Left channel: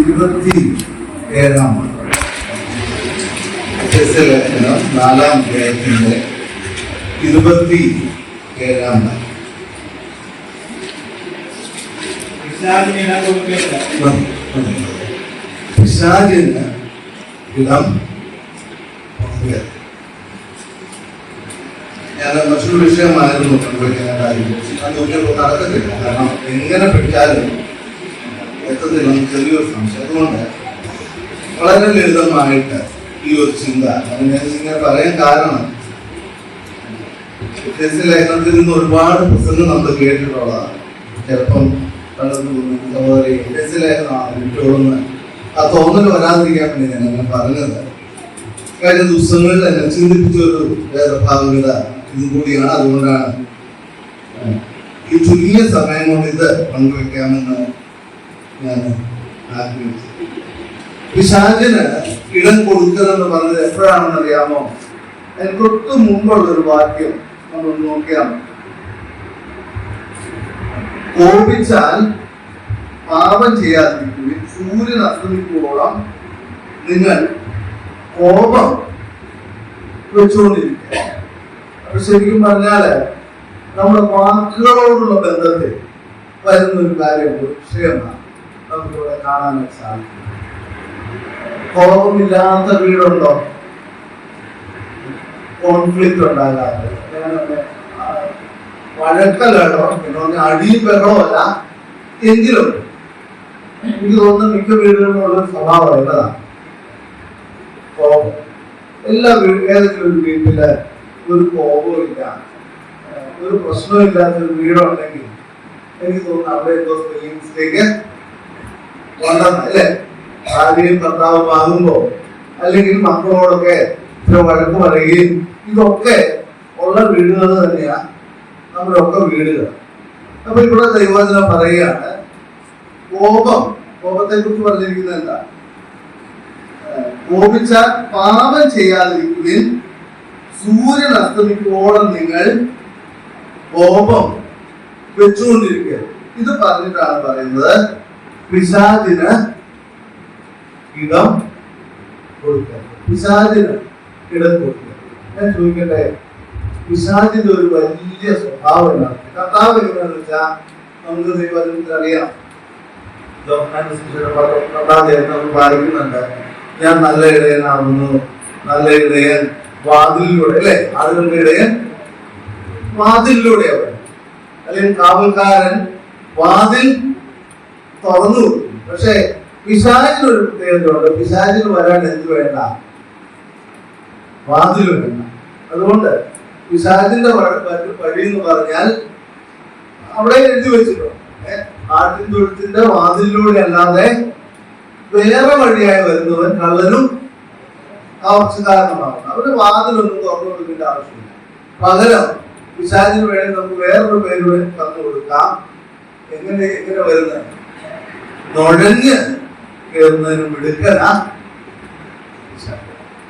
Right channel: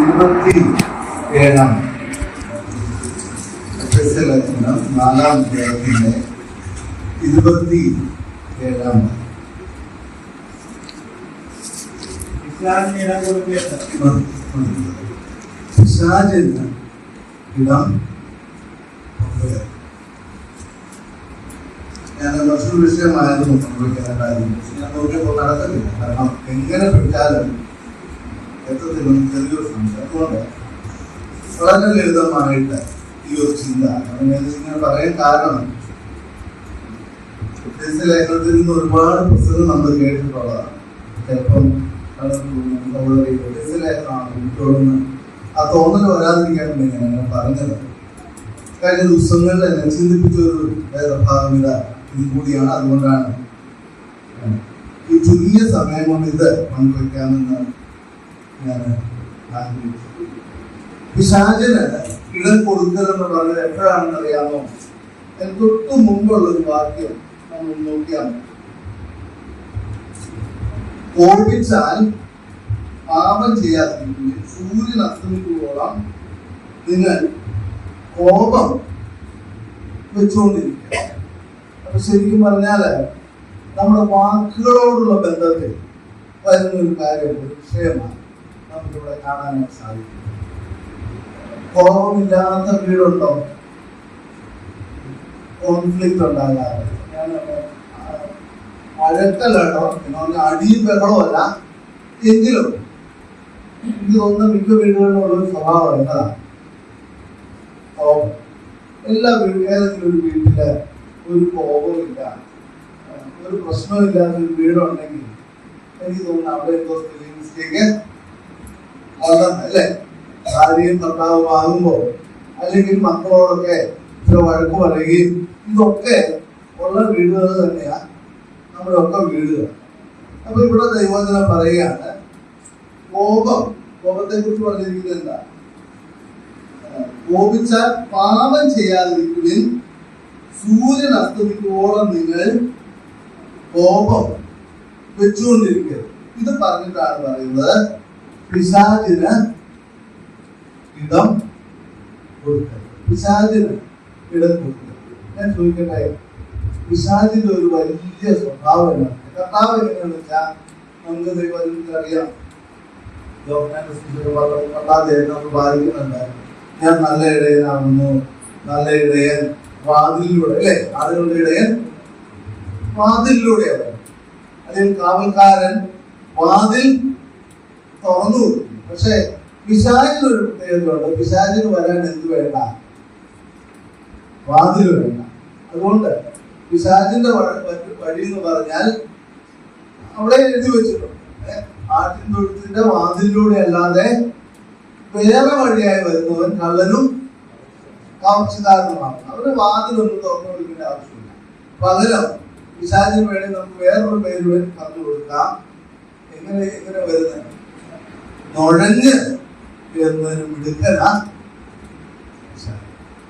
27-ാം ലേഖനം 4-ാം അധ്യായത്തിന്റെ 27-ാം പിശാചിന് ഇടം. ഞാൻ മറ്റൊരു വിഷയമായിരുന്നു പങ്കുവയ്ക്കാനായിരുന്നു. ഞാൻ നോക്കിയപ്പോൾ നടക്കത്തില്ല. കാരണം എങ്ങനെ പിടിച്ചാലും എത്തത്തില്ല, ചെറിയൊരു സംശയം. അതുകൊണ്ട് വളരെ ലളിതമായിട്ട് ഈ ഒരു ചിന്ത ഇങ്ങനെ പറയാൻ കാരണം, ലേഖനത്തിൽ നിന്ന് ഒരുപാട് പുസ്തകങ്ങൾ നമ്മൾ കേട്ടിട്ടുള്ളതാണ്. ചിലപ്പം ലേഖനമാണ് വിട്ടോടുന്ന ആ തോന്നൽ വരാതിരിക്കാൻ വേണ്ടി ഞാൻ അങ്ങനെ പറഞ്ഞത്. കഴിഞ്ഞ ദിവസങ്ങളിൽ എന്നെ ചിന്തിപ്പിച്ചൊരു വേദഭാഗവത ഇതും കൂടിയാണ്. അതുകൊണ്ടാണ് ഈ ചുരുങ്ങിയ സമയം കൊണ്ട് ഇത് പങ്കുവെക്കാമെന്ന് ഞാൻ ആഗ്രഹിച്ചത്. പിശാചിന് ഇടം കൊടുക്കലെന്ന് പറഞ്ഞത് എപ്പോഴാണെന്ന് അറിയാമോ? അതിന് തൊട്ട് മുമ്പുള്ളൊരു വാക്യം നമ്മൾ നോക്കിയാൽ, കോപിച്ചാൽ പാപം ചെയ്യാതിരിക്കുകയും സൂര്യൻ അസ്തമിക്കുമ്പോഴാം നിങ്ങൾ കോപം വെച്ചുകൊണ്ടിരിക്കുക. അപ്പൊ ശരിക്കും പറഞ്ഞാല് നമ്മുടെ വാക്കുകളോടുള്ള ബന്ധത്തിൽ വരുന്ന ഒരു കാര്യം, ഒരു വിഷയമാണ് നമുക്കിവിടെ കാണാനായിട്ട് സാധിക്കും. കോപമില്ലാത്ത വീടുണ്ടോ? കോൺഫ്ലിക്റ്റ് ഉണ്ടാകാതെ, വഴക്കല്ലോ, പിന്നെ അടിയും ബഹളമല്ല. എങ്കിലും എനിക്ക് തോന്നുന്ന മിക്ക വീടുകളിലുള്ള ഒരു സ്വഭാവം എന്നതാണ് കോപം. എല്ലാ ഏതെങ്കിലും ഒരു വീട്ടില് ഒരു കോപവും ഇല്ല, ഒരു പ്രശ്നവും ഇല്ലാത്ത ഒരു വീടുണ്ടെങ്കിൽ എനിക്ക് തോന്നുന്നു അവിടെ എന്തോ സ്പെല്ലിംഗ് മിസ്റ്റേക്ക് ഉണ്ടെന്ന്, അല്ലേ? ഭാര്യയും ഭർത്താവും ആകുമ്പോ അല്ലെങ്കിൽ മക്കളോടൊക്കെ ചില വഴക്ക് പറയുകയും ഇതൊക്കെ ഉള്ള വീടുകൾ തന്നെയാ നമ്മുടെ ഒക്കെ വീടുകൾ. അപ്പൊ ഇവിടെ ദൈവവചനം പറയുകയാണ്, കോപത്തെ കുറിച്ച് പറഞ്ഞിരിക്കുന്നത് എന്താ? കോപിച്ചാൽ പാപം ചെയ്യാതിരിക്കുകയും സൂര്യൻ അസ്തമിക്കോളം നിങ്ങൾ കോപം വെച്ചുകൊണ്ടിരിക്കുക. ഇത് പറഞ്ഞിട്ടാണ് പറയുന്നത് പിശാചിന് ഇടം കൊടുക്കുക. പിശാചിന് ഇടം കൊടുക്കുക. ഞാൻ ചോദിക്കട്ടെ, പിശാചിന്റെ ഒരു വലിയ സ്വഭാവം എന്താണ്? കർത്താവ് എങ്ങനെയാണെന്ന് വെച്ചാൽ നമുക്ക് ദൈവത്തിൽ അറിയാം. വായിക്കുന്നുണ്ട്, ഞാൻ നല്ല ഇടയനാവുന്നു, നല്ല ഇടയൻ വാതിലിലൂടെ, അല്ലെ? ആളുകളുടെ ഇടയൻ വാതിലിലൂടെയാണ്, അല്ലെങ്കിൽ കാവൽക്കാരൻ വാതിൽ തുറന്നു കൊടുക്കും. പക്ഷെ പിശാചിനൊരു പ്രത്യേകതയുണ്ട്. പിശാചിന് വരാൻ എന്ത് വേണ്ട? വാതിൽ വേണ്ട. അതുകൊണ്ട് പിശാചിന്റെ വഴി എന്ന് പറഞ്ഞാൽ അവിടെ എഴുതി വെച്ചിട്ടുണ്ട്, ആട്ടിൻ തൊഴുത്തിന്റെ വാതിലിലൂടെ അല്ലാതെ വേറെ വഴിയായി വരുന്നവൻ കള്ളനും കവർച്ചക്കാരനുമാണ്. അവര് വാതിലൊന്നും തുറന്നു കൊടുക്കേണ്ട ആവശ്യമില്ല. പകരം പിശാചിന് വേണ്ടി നമുക്ക് വേറൊരു പേരുടെ പറഞ്ഞു കൊടുക്കാം. എങ്ങനെ വരുന്നത്? നുഴഞ്ഞ് കയറുന്നതിന് മിടുക്കനാ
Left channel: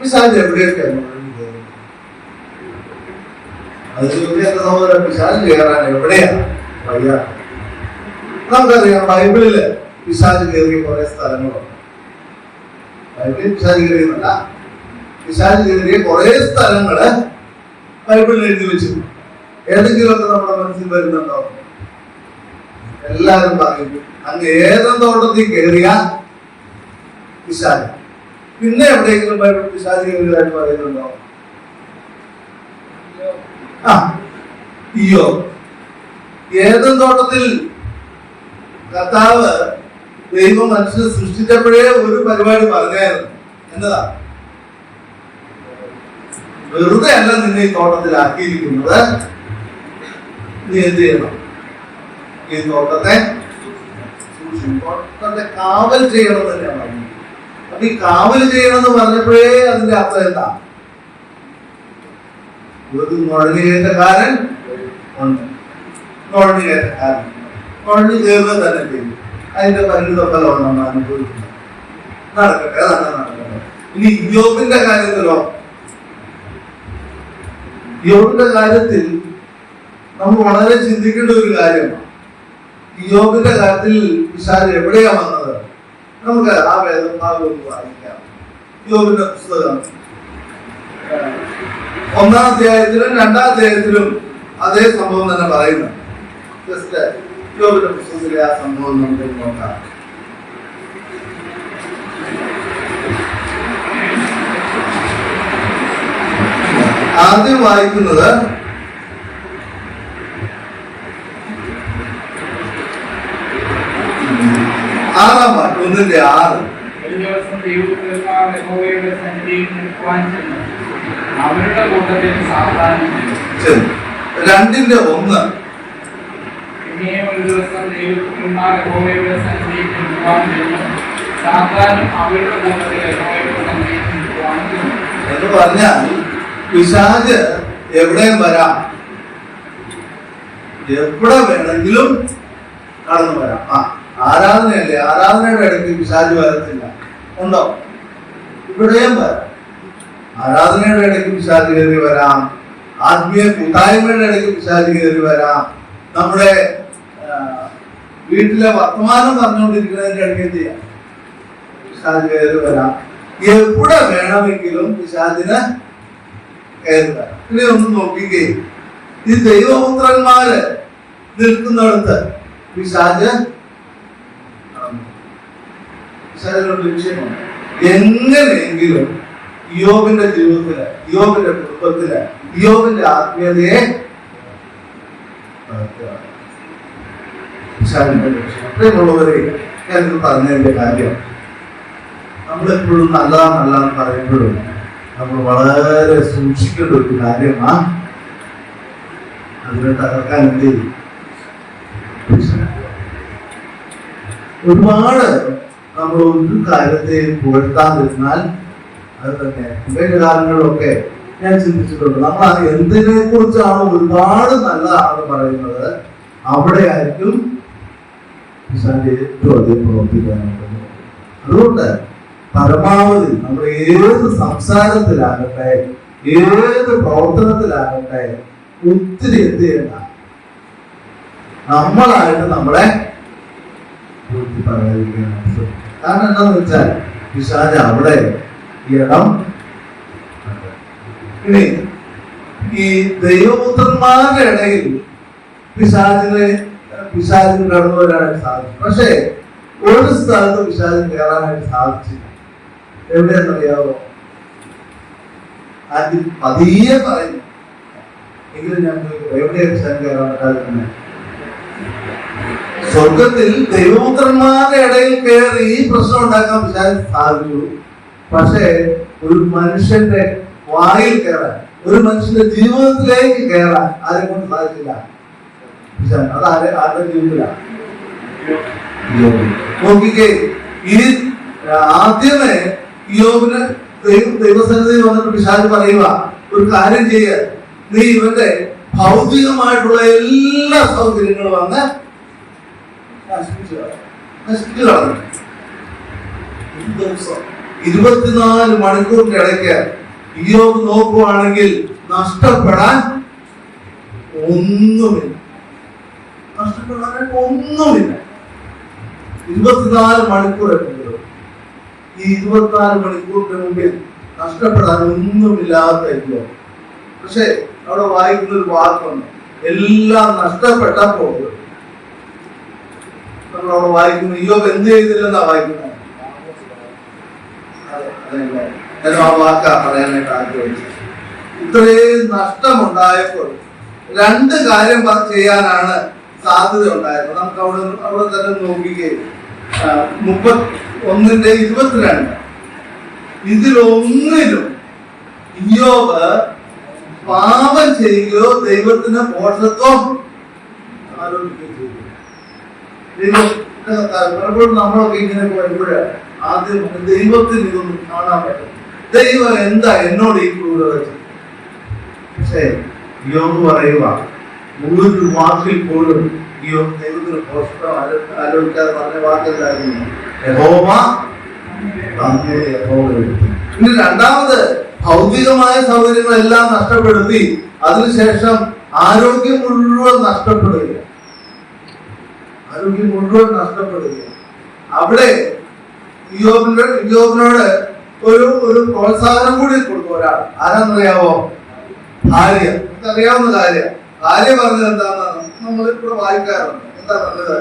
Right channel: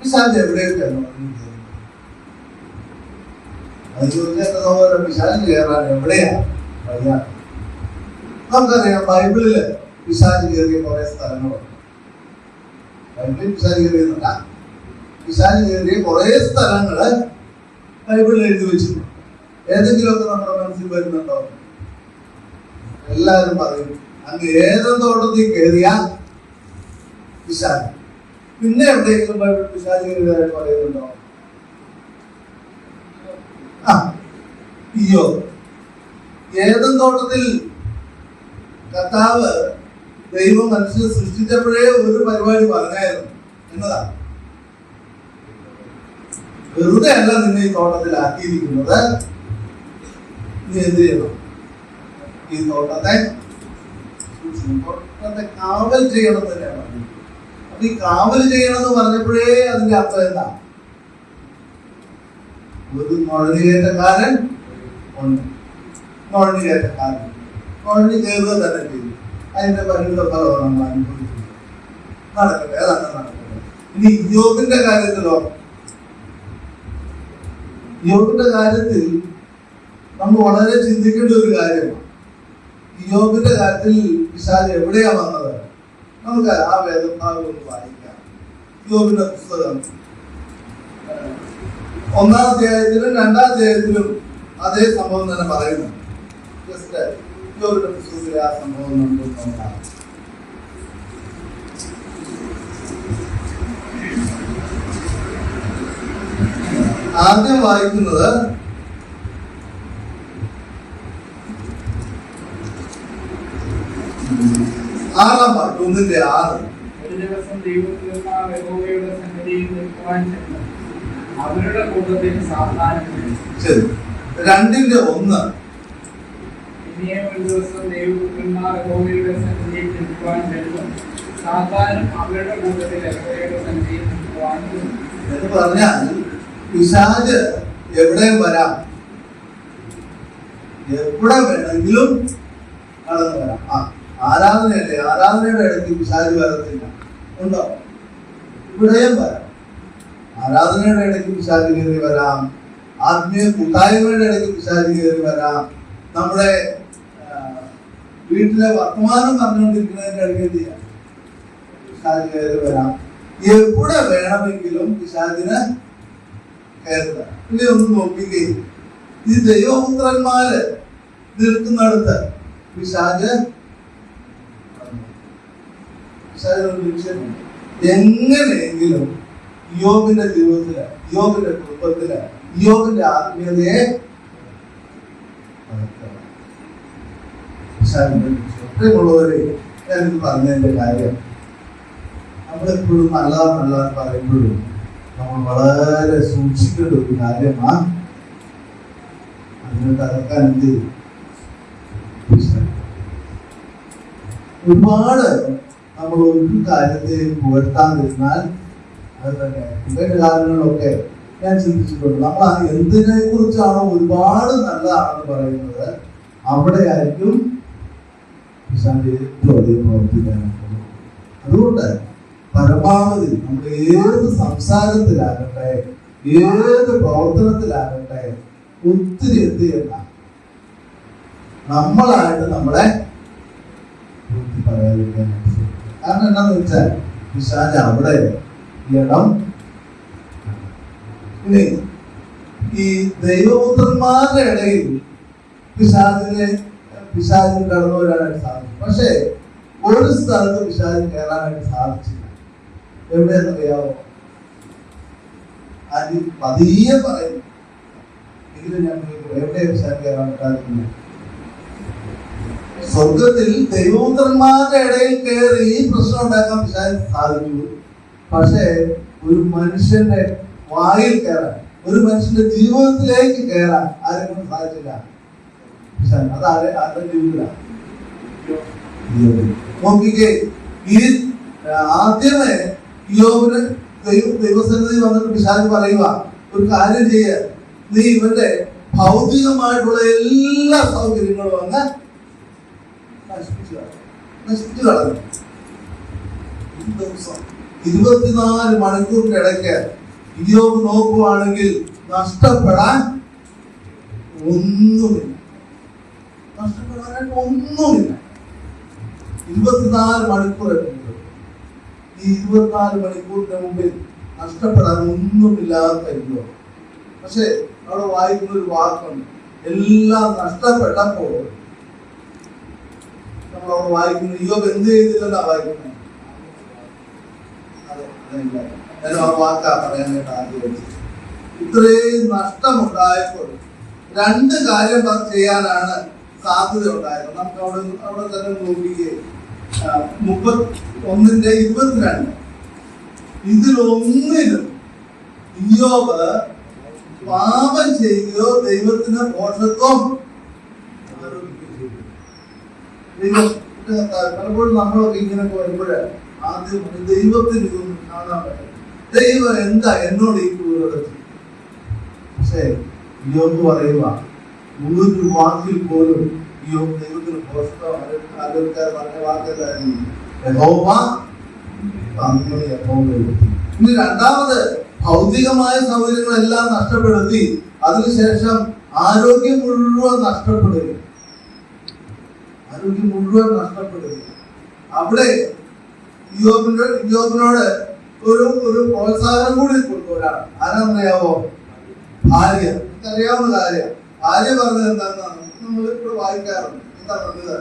പിശാച്. എവിടെയൊക്കെയാണ് നുഴഞ്ഞു കയറുന്നത്? അത് ചോദിക്കാൻ സഹോദരൻ, പിശാച് കയറാൻ എവിടെയാ വയ്യ? നമുക്കറിയാം, ബൈബിളില് പിശാച് കയറിയ കുറെ സ്ഥലങ്ങളുണ്ട്. ബൈബിളിൽ പിശാച് കയറിയെന്നല്ല, പിശാച് കയറിയ കുറെ സ്ഥലങ്ങള് ബൈബിളിൽ എഴുതി വെച്ചിട്ടുണ്ട്. ഏതെങ്കിലുമൊക്കെ നമ്മുടെ മനസ്സിൽ വരുന്നുണ്ടോ? എല്ലാവരും പറയും അങ്ങ് ഏതും തോട്ടത്തിൽ കയറിയ പിശാച്. പിന്നെ എവിടെയെങ്കിലും ബൈബിൾ പിശാച് കയറിയതായിട്ട് പറയുന്നുണ്ടോ? അയ്യോ, ഏതും തോട്ടത്തിൽ കർത്താവ് ദൈവം മനുഷ്യനെ സൃഷ്ടിച്ചപ്പോഴേ ഒരു പരിപാടി പറഞ്ഞായിരുന്നു. എന്നതാ? വെറുതെ അല്ല നിന്നെ ഈ തോട്ടത്തിലാക്കിയിരിക്കുന്നത്, നീ എന്ത് ചെയ്യണം? ഈ തോട്ടത്തെ കാവൽ ചെയ്യണം തന്നെയാണ് പറഞ്ഞത്. അപ്പൊ ഈ കാവൽ ചെയ്യണം എന്ന് പറഞ്ഞപ്പോഴേ അതിന്റെ അർത്ഥം എന്താ? ഒരു നുഴഞ്ഞുകയറ്റക്കാരൻ ഉണ്ട്. നുഴഞ്ഞുകയറ്റക്കാരൻ നുഴഞ്ഞു കയറുന്നത് തന്നെ ചെയ്യും. അതിന്റെ പരിണിതൊക്കെ നമ്മൾ അനുഭവിക്കുന്നത്. നടക്കട്ടെ, അതങ്ങനെ നടക്കട്ടെ. ഇനി യോബിന്റെ കാര്യത്തിലോ? യോബിന്റെ കാര്യത്തിൽ നമ്മൾ വളരെ ചിന്തിക്കേണ്ട ഒരു കാര്യമാണ്. യോബിന്റെ കാര്യത്തിൽ പിശാച് എവിടെയാ വന്നത്? നമുക്ക് ആ വേദഭാഗം ഒന്ന് വായിക്കാം. യോബിന്റെ പുസ്തകം 1-ാം അധ്യായത്തിലും 2-ാം അധ്യായത്തിലും അതേ സംഭവം തന്നെ പറയുന്നു. ജസ്റ്റ് യോബിന്റെ പുസ്തകത്തിലെ ആ സംഭവം നമുക്ക് നോക്കാം. ആദ്യം വായിക്കുന്നത് 6-ാം വാക്യം, 1-6. ഒരു ദിവസം ദൈവപുത്രന്മാർ യഹോവയുടെ സന്നിധിയിൽ നിൽക്കുവാൻ ചെന്നു. അവരുടെ കൂട്ടത്തിൽ സാത്താനും ചെന്നു. 2-1. പിന്നെയും ഒരു ദിവസം ദൈവപുത്രന്മാർ യഹോവയുടെ സന്നിധിയിൽ നിൽക്കുവാൻ ചെന്നു. സാത്താനും അവരുടെ കൂട്ടത്തിൽ യഹോവയുടെ സന്നിധിയിൽ നിൽക്കുവാൻ ചെന്നു. എന്ന് പറഞ്ഞാൽ പിശാച് എവിടെയും വരാം, എവിടെ വേണമെങ്കിലും കടന്നു വരാം. ആരാധനയല്ലേ, ആരാധനയുടെ ഇടയ്ക്ക് പിശാച് വരത്തില്ല, ഉണ്ടോ? ഇവിടെയും വരാം. ആരാധനയുടെ ഇടയ്ക്ക് പിശാച് കയറി വരാം, ആത്മീയ കൂട്ടായ്മയുടെ ഇടയ്ക്ക് പിശാച് കയറി വരാം, നമ്മുടെ വീട്ടിലെ വർത്തമാനം പറഞ്ഞുകൊണ്ടിരിക്കുന്നതിന്റെ ഇടയ്ക്ക് എന്ത് ചെയ്യാം, പിശാച് കയറി വരാം. എവിടെ വേണമെങ്കിലും പിശാചിന് കയറി വരാം. ഇനി ഒന്ന് നോക്കിക്കേ, ഈ ദൈവപുത്രന്മാര് നിൽക്കുന്നിടത്ത് പിശാച് ലക്ഷ്യമുണ്ട്. എങ്ങനെയെങ്കിലും യോബിന്റെ ജീവിതത്തില്, യോബിന്റെ കുടുംബത്തില്, യോബിന്റെ ആത്മീയതയെ പ്രിയമുള്ളവരെ, ഞാനിത് പറഞ്ഞതിന്റെ കാര്യം, നമ്മളെപ്പോഴും നല്ലതാണെന്ന് പറയുമ്പോഴും നമ്മൾ വളരെ സൂക്ഷിക്കേണ്ട ഒരു കാര്യമാണ്. അതിനെ തകർക്കാൻ എന്ത് ചെയ്യും? ഒരുപാട് നമ്മൾ ഒരു കാര്യത്തെയും പുകഴ്ത്താതിരുന്നാൽ അത് തന്നെ ഇവരുടെ കാലങ്ങളിലൊക്കെ ഞാൻ ചിന്തിച്ചിട്ടുണ്ട്. നമ്മൾ എന്തിനെ കുറിച്ചാണ് ഒരുപാട് നല്ലതാണെന്ന് പറയുന്നത്, അവിടെ ആയിരിക്കും ഏറ്റവും അധികം പ്രവർത്തിക്കാനുള്ളത്. അതുകൊണ്ട് പരമാവധി നമ്മൾ ഏത് സംസാരത്തിലാകട്ടെ, ഏത് പ്രവർത്തനത്തിലാകട്ടെ, ഒത്തിരി എന്ത് ചെയ്യണ്ട, നമ്മളായിട്ട് നമ്മളെ പറയാതിരിക്കാനായിട്ട് ശ്രമിക്കും. കാരണം എന്താന്ന് വെച്ചാൽ പിശാച് അവിടെ ഇടം. ഇനി ഈ ദൈവപുത്രന്മാരുടെ ഇടയിൽ പിശാചിന് കടന്നു വരാനായിട്ട് സാധിക്കും. പക്ഷേ ഒരു സ്ഥലത്ത് പിശാചിന് കയറാനായിട്ട് സാധിച്ചില്ല. എവിടെയെന്നറിയാവോ? ആദ്യം പതിയെ പറയുന്നു, എങ്കിലും ഞാൻ എവിടെയാണ് പിശാചിന് കയറാൻ പറ്റാതെ? സ്വർഗത്തിൽ ദൈവപുത്രന്മാരുടെ ഇടയിൽ കയറി ഈ പ്രശ്നം ഉണ്ടാക്കാൻ പിശാചിന് സാധിച്ചു. പക്ഷേ ഒരു മനുഷ്യന്റെ വായിൽ കയറാൻ, ഒരു മനുഷ്യന്റെ ജീവിതത്തിലേക്ക് കയറാൻ ആരെ കൊണ്ട് സാധിച്ചില്ല. അത് ആരുടെ ജീവിതത്തിലാണ്? നോക്കിക്കേ, ഈ ആദ്യമേ യോബിന് ദൈവസന്നിധി വന്നിട്ട് പിശാച് പറയുക, ഒരു കാര്യം ചെയ്യ, നീ ഇവന്റെ ഭൗതികമായിട്ടുള്ള എല്ലാ സൗകര്യങ്ങളും വന്ന് നശിപ്പിച്ചു കളഞ്ഞു. 24 മണിക്കൂറിന്റെ ഇടയ്ക്ക് യോബ് നോക്കുവാണെങ്കിൽ നഷ്ടപ്പെടാൻ ഒന്നുമില്ല. 24 മണിക്കൂർ എത്തുന്നത്. ഈ 24 മണിക്കൂറിന്റെ മുമ്പിൽ നഷ്ടപ്പെടാൻ ഒന്നുമില്ലാത്ത യോബ്. പക്ഷെ അവിടെ വായിക്കുന്ന ഒരു വാക്കുണ്ട്, എല്ലാം നഷ്ടപ്പെട്ടപ്പോൾ നമ്മളവിടെ വായിക്കുന്നു യോബ് എന്ത് ചെയ്തില്ലെന്നാ വായിക്കുന്നത്. ഞാൻ ആ വാക്കാ പറയാനായിട്ട് ആഗ്രഹിച്ചത്. ഇത്രയും നഷ്ടമുണ്ടായപ്പോൾ 2 കാര്യം ചെയ്യാനാണ് സാധ്യത ഉണ്ടായത്. നമുക്ക് അവിടെ തന്നെ നോക്കുകയും 31:22 ഇതിലൊന്നിലും യോബ് പാപം ചെയ്യുകയോ ദൈവത്തിന് പോഷത്വം ആരോപിക്കുകയോ ചെയ്തു. പലപ്പോഴും നമ്മളൊക്കെ ഇങ്ങനെ വരുമ്പോഴേ ആദ്യം ദൈവത്തിന് ഇതൊന്നും കാണാൻ പറ്റും. ദൈവം എന്താ എന്നോട് ഈ ക്രൂരത ചെയ്തു? പക്ഷേ യോബ് പറയുക, ഒരു വാക്കിൽ പോലും ദൈവത്തിന് പോഷത്വം ആലോചിക്കാതെ പറഞ്ഞ വാക്കെന്തായിരുന്നു? യഹോവ അങ്ങേ യഹോവ. ഇനി രണ്ടാമത് ഭൗതികമായ സൗകര്യങ്ങളെല്ലാം നഷ്ടപ്പെടുത്തി, അതിനുശേഷം ആരോഗ്യം മുഴുവൻ നഷ്ടപ്പെടുക. അവിടെ ഇയ്യോബിനോട് ഒരു പ്രോത്സാഹനം കൂടി കൊടുക്കും ഒരാൾ. ആരാന്നറിയാവോ? ഭാര്യ. അറിയാവുന്ന കാര്യ. ഭാര്യ പറഞ്ഞത് എന്താണെന്നാണ് നമ്മളിവിടെ വായിക്കാറുണ്ട്. എന്താ പറഞ്ഞത്?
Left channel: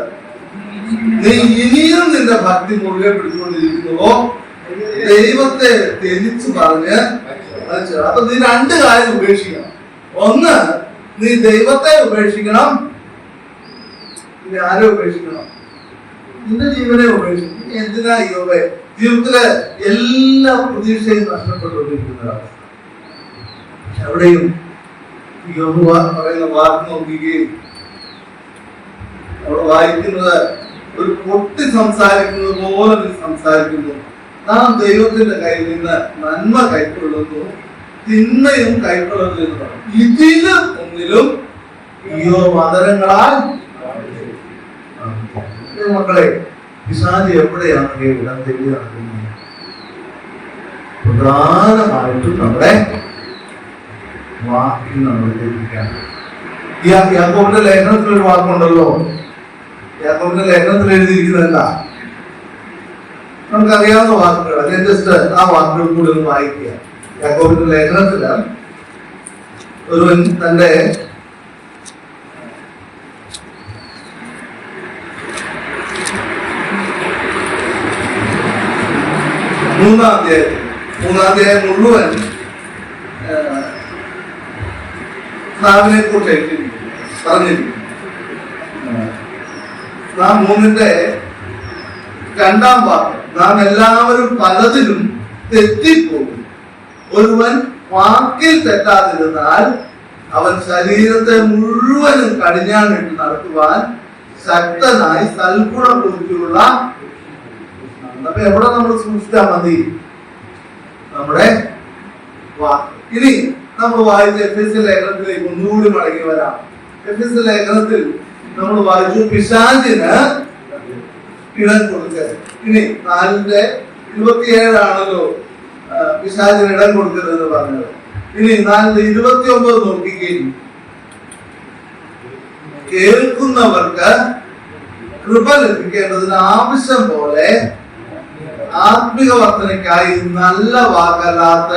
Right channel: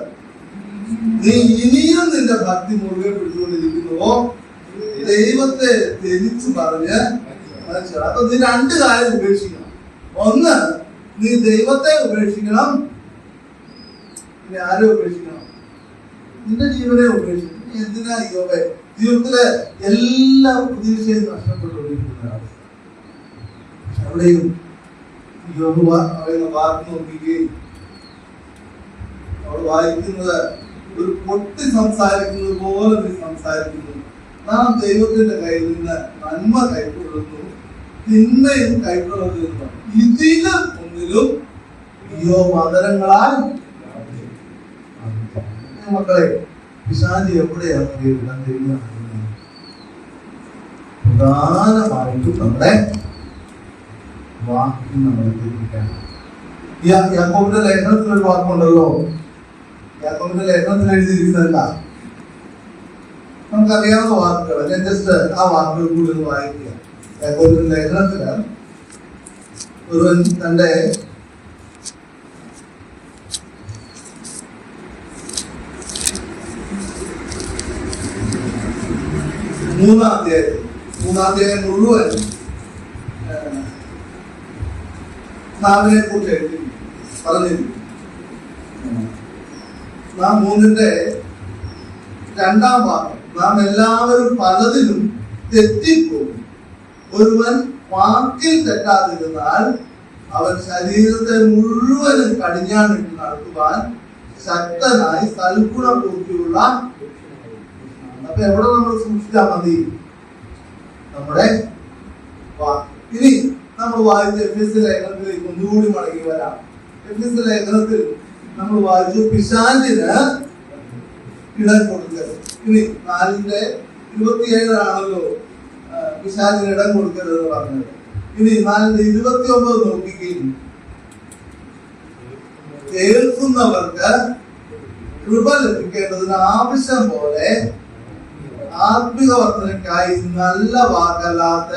നീ ഇനിയും നിന്റെ ഭക്തി മുറുകെ പിടിച്ചുകൊണ്ടിരിക്കുന്നുവോ ദൈവത്തെ ത്യജിച്ചു പറഞ്ഞ്. അപ്പൊ നീ രണ്ട് കാര്യം ഉപേക്ഷിക്കണം. ഒന്ന്, നീ ദൈവത്തെ ഉപേക്ഷിക്കണം. ഇനി ആരെ ഉപേക്ഷിക്കണം? നിന്റെ ജീവനെ ഉപേക്ഷിക്കണം. എന്തിനാ യോബേ ജീവിതത്തിലെ എല്ലാ പ്രതീക്ഷയും നഷ്ടപ്പെട്ടുകൊണ്ടിരിക്കുന്ന അവസ്ഥ? എവിടെയും യോബ് പറയുന്ന വാക്ക് നോക്കുകയും അവിടെ വായിക്കുന്നത് ഒരു പൊട്ടി സംസാരിക്കുന്നത് പോലെ നീ സംസാരിക്കുന്നു. നാം ദൈവത്തിന്റെ കയ്യിൽ നിന്ന് നന്മ കൈക്കൊള്ളുന്നു, തിന്മയും കൈക്കൊള്ളുന്നു എന്ന് പറഞ്ഞു. ഇതിലും ഒന്നിലും മതങ്ങളാൽ മക്കളെ പിശാച് എവിടെയാണ് ഇടം തേടി നടക്കുന്നത്? പ്രധാനമായിട്ടും നമ്മുടെ വാക്കിൽ നമ്മൾ ലഭിക്കാൻ. യാക്കോബിന്റെ ലേഖനത്തിൽ ഒരു വാക്കുണ്ടല്ലോ. യാക്കോബിന്റെ ലേഖനത്തിൽ എഴുതിയിരിക്കുന്നത് എന്താ? നമുക്കറിയാവുന്ന വാക്കുകൾ. ഞാൻ ജസ്റ്റ് ആ വാക്കുകൾ കൂടി ഒന്ന് വായിക്കുക. യാക്കോബിന്റെ ലേഖനത്തില് ഒരുവൻ തന്റെ മൂന്നാം അധ്യായം മുഴുവൻ നാവിനെ കുറിച്ച് പറഞ്ഞിരിക്കും. നാം 3-ന്റെ 2-ാം വാക്ക്, നാം എല്ലാവരും പലതിലും തെറ്റിപ്പോകും. ഒരുവൻ വാക്കിൽ തെറ്റാതിരുന്നാൽ അവൻ ശരീരത്തെ മുഴുവനും കടിഞ്ഞാണിട്ട് നടത്തുവാൻ ശക്തനായി സൽഗുണബുദ്ധിയുള്ള. അപ്പൊ എവിടെ നമ്മൾ സൂക്ഷിച്ചാൽ മതി? നമ്മുടെ വാക്ക്. ഇനി നമ്മൾ വായിച്ച എഫെസ്യ ലേഖനത്തിലേക്ക് ഒന്നുകൂടി മടങ്ങി വരാം. എഫെസ്യ ലേഖനത്തിൽ നമ്മൾ വായിച്ചു പിശാചിന് ഇടം കൊടുക്കരുത്. ഇനി 4:27 പിശാചിന് ഇടം കൊടുക്കരുത് എന്ന് പറഞ്ഞത്. ഇനി 4:29 നോക്കിക്കുകയും കേൾക്കുന്നവർക്ക് കൃപ ലഭിക്കേണ്ടതിന് ആവശ്യം പോലെ ആത്മിക വർധനയ്ക്കായി നല്ല വാക്കല്ലാത്ത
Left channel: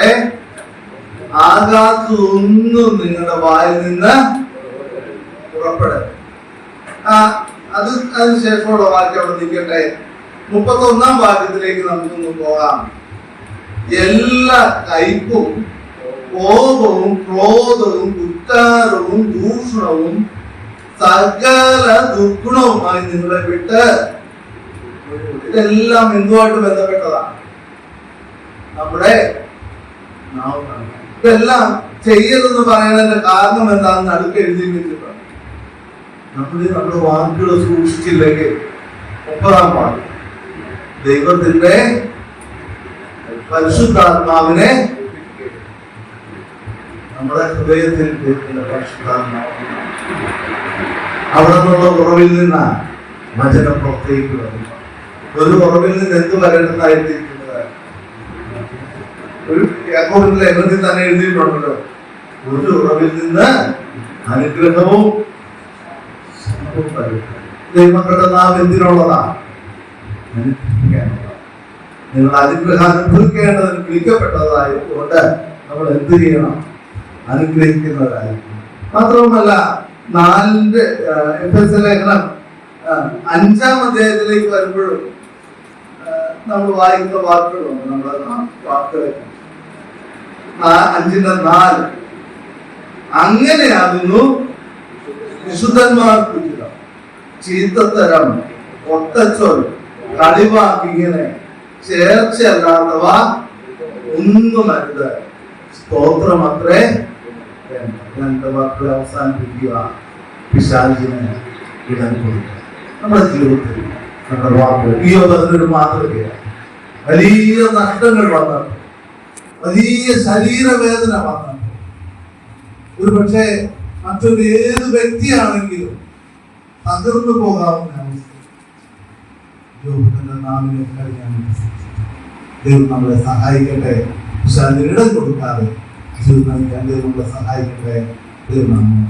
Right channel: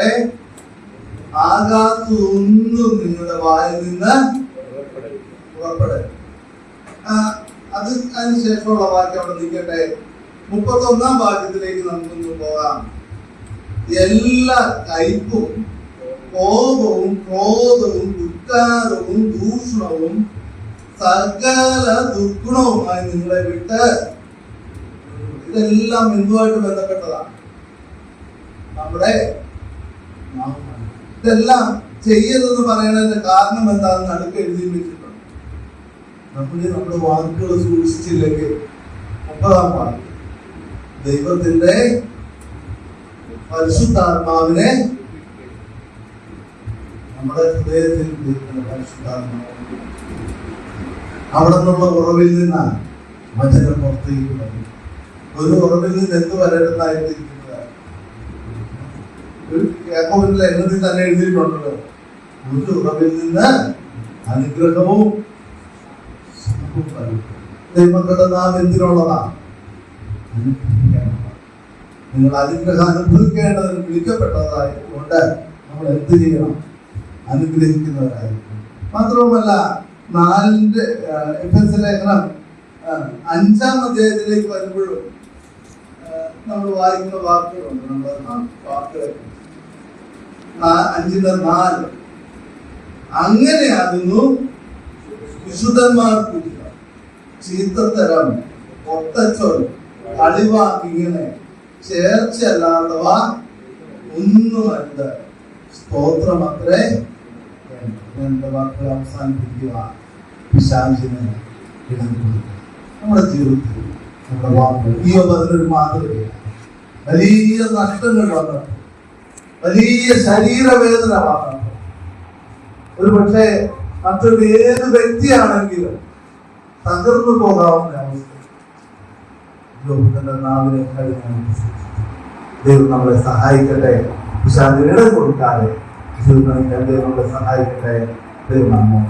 ആകാശത്തൊന്നും നിങ്ങളുടെ വായിൽ നിന്ന് പുറപ്പെടരുത്. അതിനുശേഷമുള്ള വാക്യം അവിടെ നിൽക്കട്ടെ. 31-ാം വാക്യത്തിലേക്ക് നമുക്കൊന്ന് പോകാം. എല്ലാ കയ്പും കോപവും ക്രോധവും കുറ്റാരവും ദൂഷണവും സകല ദുർഗുണവുമായി നിങ്ങളെ വിട്ട്. ഇതെല്ലാം എന്തുമായിട്ട് ബന്ധപ്പെട്ടതാണ്? നമ്മുടെ നാവാണ്. ഇതെല്ലാം ചെയ്യരുതെന്ന് പറയുന്നതിന്റെ കാരണം എന്താണെന്ന് അടുത്ത് എഴുതി വെച്ചിട്ടുണ്ട്. നമ്മുടെ വാക്കുകൾ സൂക്ഷിച്ചില്ലെങ്കിൽ 30-ാം വാക്യം, ദൈവത്തിന്റെ പരിശുദ്ധാത്മാവിനെ നമ്മുടെ ഹൃദയത്തിൽ പരിശുദ്ധാത്മാവ് അവിടെ നിന്നുള്ള ഉറവിൽ നിന്നാണ് വചനം പുറത്തേക്ക് വരുന്നത്. ഒരു ഉറവിൽ നിന്ന് എന്ത് വരേണ്ടതായിട്ടിരിക്കുന്നത്? ഒരു യാക്കോബിന്റെ ലേഖനത്തിൽ തന്നെ എഴുതിയിട്ടുണ്ടല്ലോ, ഒരു ഉറവിൽ നിന്ന് അനുഗ്രഹവും ദൈവങ്ങളുടെ നാം എന്തിനുള്ളതാണ്? നിങ്ങൾ അനുഗ്രഹം അനുഭവിക്കേണ്ടതിന് വിളിക്കപ്പെട്ടതായതുകൊണ്ട് നമ്മൾ എന്ത് ചെയ്യണം? അനുഗ്രഹിക്കുന്നവരായിരിക്കും. മാത്രവുമല്ല 4-ന്റെ എഫെസ്യ ലേഖനം 5-ാം അധ്യായത്തിലേക്ക് വരുമ്പോഴും നമ്മൾ വായിക്കുന്ന വാക്കുകളുണ്ട്. നമ്മുടെ വാക്കുകൾ 5:4 അങ്ങനെയാകുന്നു വിശുദ്ധന്മാർക്ക് ചീത്തത്തരം, ഒട്ടച്ചൊൽ, കളിവാക്കിങ്ങനെ ചേർച്ചയല്ലാത്തവ ഒന്നുമരുത്. സ്തോത്രമത്രേ. രണ്ട് വാക്കുകളെ അവസാനിപ്പിക്കുക. പിശാചിന് ഇടം കൊടുക്കുക. നമ്മുടെ ജീവിതത്തിൽ നമ്മുടെ വാക്കുകൾ ഈ ഒരു മാതൃകയാണ്. വലിയ നഷ്ടങ്ങൾ വന്നപ്പോൾ, വലിയ ശരീരവേദന വന്നപ്പോൾ, ഒരു പക്ഷേ മറ്റൊരു ഏത് വ്യക്തിയാണെങ്കിലും തകർന്നു പോകാവുന്ന അവസ്ഥ യോബിന്റെ നാവിനെ കഴിഞ്ഞാൽ ദൈവം നമ്മളെ സഹായിക്കട്ടെ. പിശാചിന് ഇടം കൊടുക്കാതെ ജീവിതത്തിൽ ദൈവം നമ്മളെ സഹായിക്കട്ടെ. ദൈവം നമ്മെ